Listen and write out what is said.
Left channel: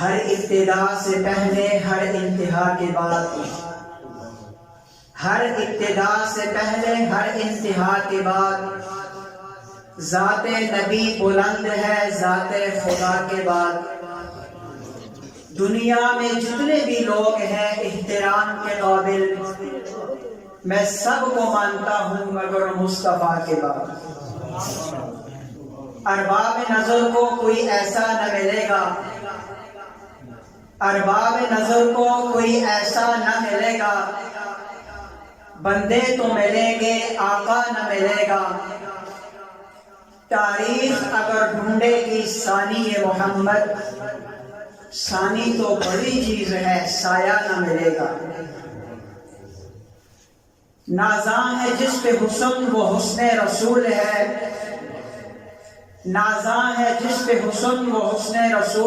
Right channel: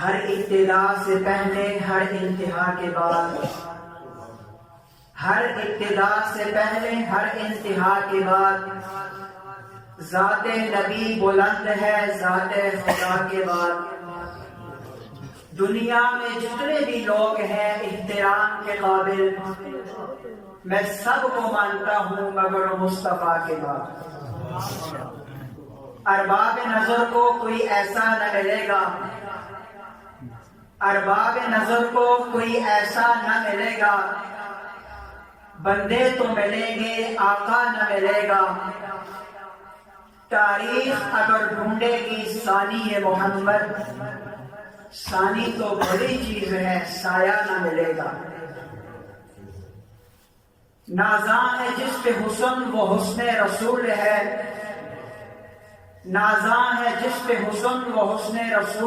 ہر ابتدا سے پہلے ہر انتہا کے بعد، ہر ابتدا سے پہلے ہر انتہا کے بعد، ذات نبی بلند ہے ذات خدا کے بعد۔ دنیا میں جتنے بھی لوگ ہیں احترام کے قابل، میں سب کو مانتا ہوں مگر مصطفیٰ کے بعد۔ ارباب نظر کو کوئی ایسا نہ ملے گا، ارباب نظر کو کوئی ایسا نہ ملے گا، بندے تو ملیں گے آقا نہ ملے گا۔ تاریخ اگر ڈھونڈے گی ثانی محمد، ثانی تو بڑی چیز ہے سایہ نہ ملے گا۔ نازاں ہے جس پہ حسن وہ حسن رسول ہے، نازاں ہے جس پہ حسن وہ حسن رسول